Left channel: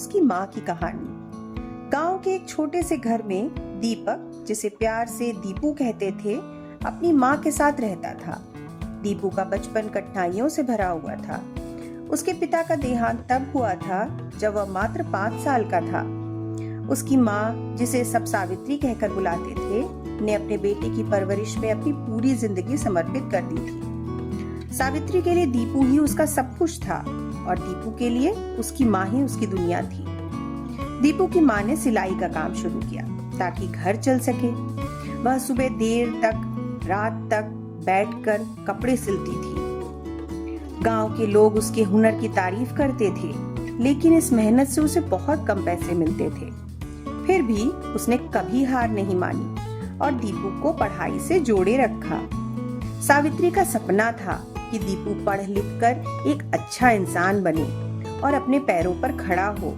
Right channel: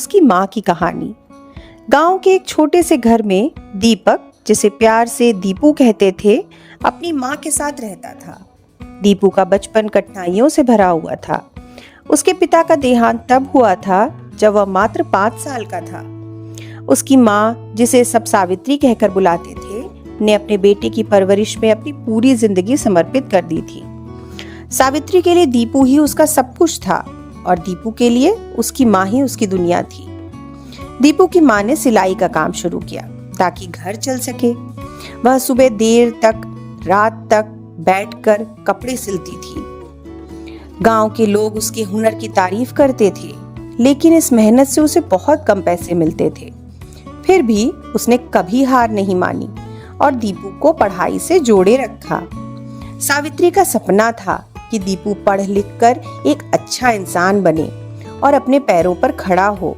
उसकी माँ की कहानी। गांव के एक छोटे से घर में दीपक, जिसे प्यार से दीपू कहते थे, अपनी माँ के साथ रहता था। दीपू का बचपन कठिनाइयों से भरा हुआ था। उसके पिता का देहांत तब हुआ था जब वह मात्र 5 साल का था। उसकी माँ, जिसे सब सावित्री कहकर बुलाते थे, ने अपने बेटे की परवरिश में अपनी पूरी जिंदगी समर्पित कर दी थी। सावित्री के लिए दीपू ही उसका सब कुछ था और दीपू के लिए उसकी माँ ही उसकी दुनिया थी। दीपू की माँ ने सिलाई का काम शुरू किया ताकि घर चल सके। वह सुबह देर तक, रात तक बैठकर कपड़े सिलती थी। गांव के लोग उसके हुनर की तारीफ करते थे, लेकिन इस मेहनत से उसे बहुत कम पैसे मिलते थे। फिर भी उसने कभी हार नहीं मानी और दीपू को पढ़ाई से जोड़े रखा। सावित्री का सपना था कि दीपू पढ़ लिख कर एक अच्छा इंसान बने और अपने पैरों पर खड़ा हो।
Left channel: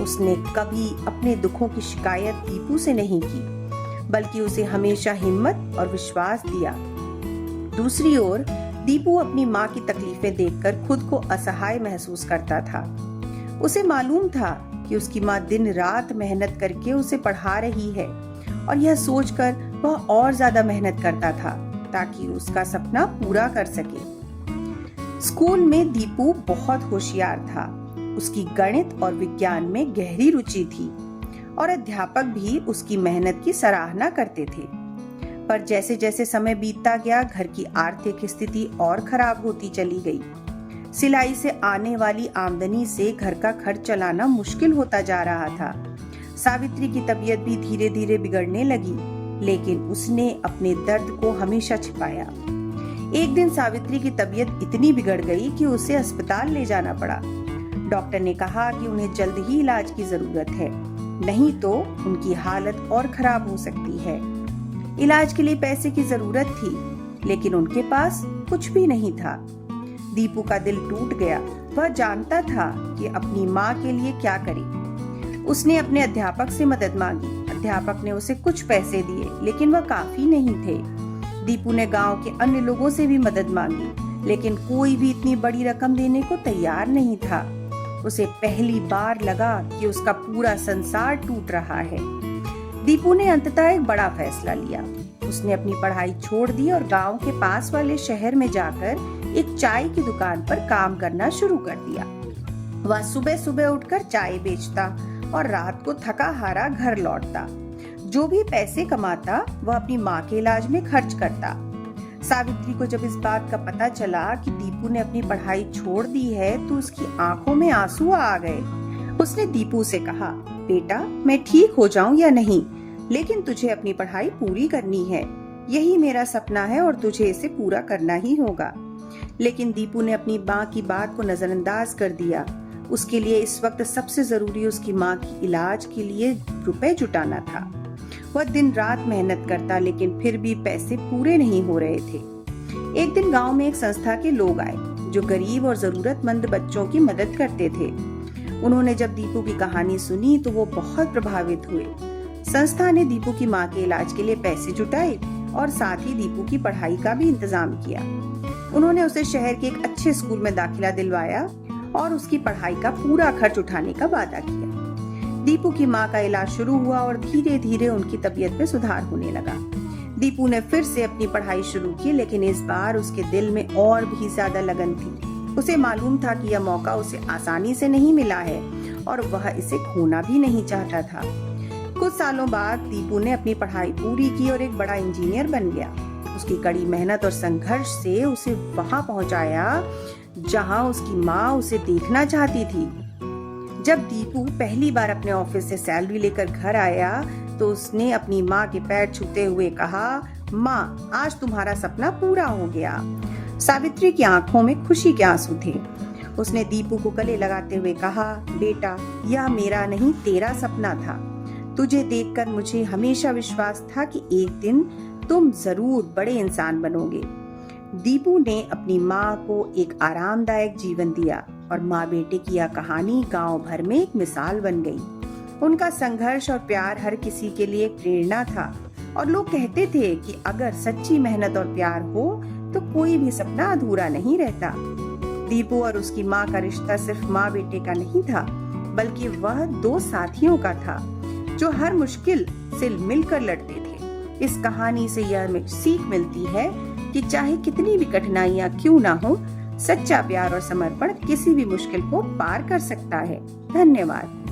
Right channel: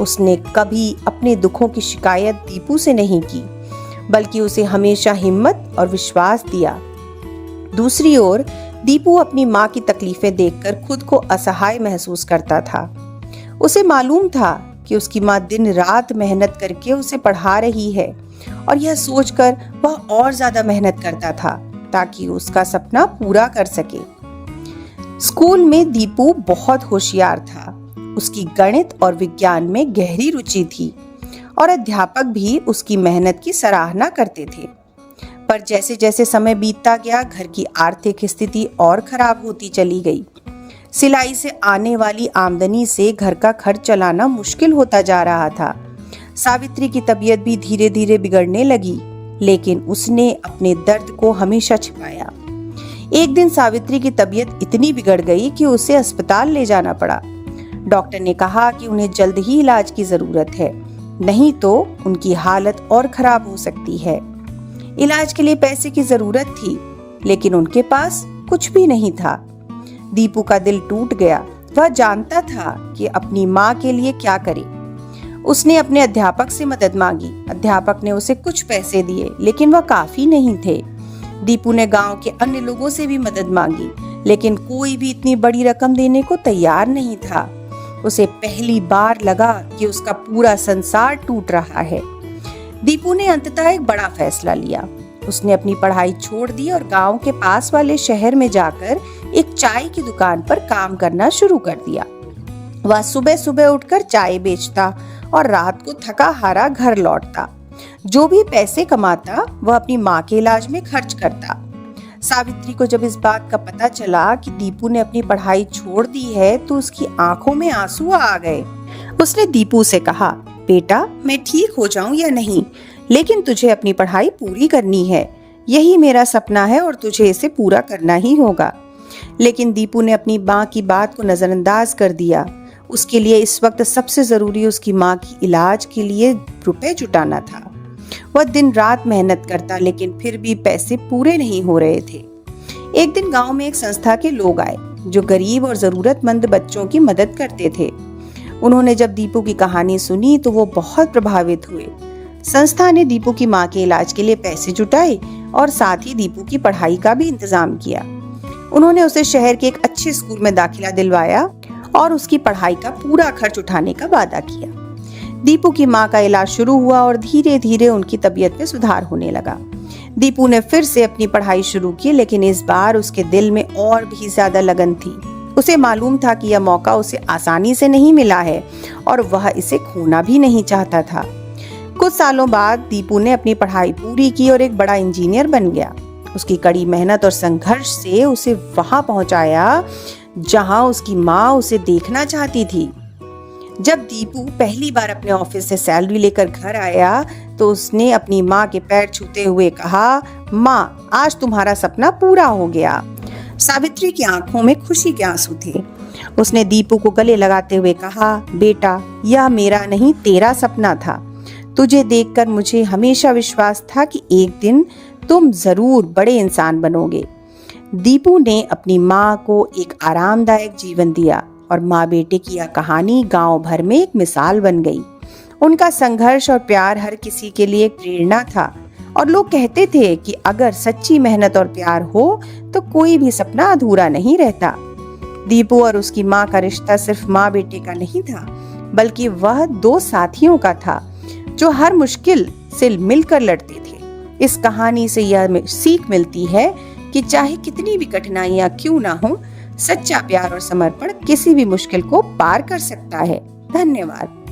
उसने कभी अपने दुखों की शिकायत दीपू से नहीं की, बल्कि उसे हमेशा हिम्मत और विश्वास दिया। दूसरी ओर दीपू अपनी माँ की तकलीफें देखकर खुद को असहाय महसूस करता था। उसे मालूम था कि उसकी माँ दिन रात मेहनत करके उसे पढ़ा रही है और यह सोचकर वह और ज्यादा मेहनत करता था ताकि उसका सपना पूरा कर सके। स्कूल में दीपू बहुत होशियार था। उसकी गणित और विज्ञान में गहरी रुचि थी और अध्यापक भी उसकी मेहनत की सराहना करते थे। पर जैसे जैसे समय बीतता गया, घर की आर्थिक स्थिति और खराब होती चली गई। सिलाई से आने वाली आमदनी से घर का खर्च चलाना मुश्किल होता जा रहा था। सावित्री की तबीयत भी धीरे धीरे बिगड़ने लगी, लेकिन उसने अपने दर्द को हमेशा छिपाया। एक दिन सावित्री की तबीयत इतनी बिगड़ गई कि उसे अस्पताल ले जाना पड़ा। डॉक्टर ने कहा कि उन्हें जल्द ही इलाज की जरूरत है, नहीं तो उनकी हालत और खराब हो सकती है। इलाज के लिए पैसे की जरूरत थी, लेकिन उनके पास कुछ भी नहीं था। दीपू का दिल टूट गया। वह जानता था कि अपनी माँ के लिए क्या करे। उसने अपने अध्यापक से मदद मांगी। अध्यापक ने उसे कुछ पैसे दिए, लेकिन वह काफी नहीं थे। दीपू ने गांव के अन्य लोगों से भी मदद मांगी, लेकिन कोई भी इतनी बड़ी रकम देने को तैयार नहीं था। उसे पहली बार लगा कि उसका पूरा संसार टूट रहा है। दीपू ने अंततः एक बड़ा फैसला लिया। उसने अपनी पढ़ाई छोड़ दी और गांव के पास वाले शहर में जाकर एक चाय की दुकान पर काम करना शुरू कर दिया। वह सुबह सुबह उठकर चाय बेचता और रात को थका हारा घर लौटता। जो भी पैसे कमाता वह अपनी माँ के इलाज में खर्च करता। सावित्री को जब इस बात का पता चला कि दीपू ने अपनी पढ़ाई छोड़ दी है, तो उसकी आंखों में आंसू आ गए। उसने दीपू से कहा, बेटा, मैं ठीक हो जाऊं या नहीं, लेकिन तुझे अपनी पढ़ाई पूरी करनी है। यही मेरा सपना है और तुझे इसे पूरा करना ही होगा। लेकिन दीपू ने अपनी माँ की बात को नजरअंदाज कर दिया। उसके लिए इस वक्त सबसे जरूरी उसकी माँ की इलाज के लिए रुपए जुटाना था। वह दिन रात मेहनत करता, लेकिन फिर भी पैसे पूरे नहीं हो रहे थे। एक दिन गांव में एक संस्था के लोग आए जो गरीब और जरूरतमंद बच्चों की मदद करते थे। उन्होंने जब दीपू की कहानी सुनी तो वो बहुत प्रभावित हुए। संस्था ने दीपू की माँ के इलाज के लिए पैसे जुटाए और साथ ही दीपू की पढ़ाई का भी इंतजाम किया। उन्होंने उसे शहर के एक अच्छे स्कूल में दाखिला दिलवाया और उसकी पढ़ाई का पूरा खर्च उठाने का वादा किया। दीपू की माँ का इलाज शुरू हुआ और धीरे धीरे उनकी तबीयत में सुधार होने लगा। दीपू ने फिर से अपनी पढ़ाई शुरू की, लेकिन इस बार उसके दिल में और भी ज्यादा लगन थी। उसे मालूम था कि यह मौका उसे आसानी से नहीं मिला है और वह इसे खोना भी नहीं चाहता था। कुछ सालों बाद दीपू ने अपनी पढ़ाई पूरी की और एक बड़ा इंजीनियर बन गया। उसकी कड़ी मेहनत और संघर्ष से उसे वहां पहुंचाया जहां उसकी माँ उसे देखना चाहती थी। जब दीपू पहली बार अपने ऑफिस से सैलरी लेकर घर आया तो उसने अपनी माँ के पैर छूते हुए कहा, माँ, आज तुम्हारा सपना पूरा हो गया। सावित्री की आंखों में खुशी के आंसू थे। उसने दीपू को गले लगाते हुए कहा, बेटा, यह मेरा नहीं तेरा सपना था। तुझे देखकर मुझे हमेशा विश्वास था कि एक दिन तुम जरूर बड़े इंसान बनोगे। दीपू ने अपनी माँ को एक आरामदायक जीवन दिया और माँ बेटे की यह कहानी गांव भर में एक मिसाल बन गई। उनका संघर्ष और प्यार हर किसी के लिए एक प्रेरणा था और लोग कहते थे कि अगर सच्ची मेहनत और प्यार हो तो कोई भी सपना अधूरा नहीं रहता। दीपू और उसकी माँ का रिश्ता सिर्फ माँ बेटे का नहीं था, बल्कि वह दो साथियों का था जो हर मुश्किल से मिलकर लड़ते थे। इस कहानी से यह सीख मिलती है कि चाहे कितनी भी कठिनाइयां क्यों ना हो, सच्चा प्यार और समर्पण किसी भी मुश्किल को पार कर सकता है। धन्यवाद।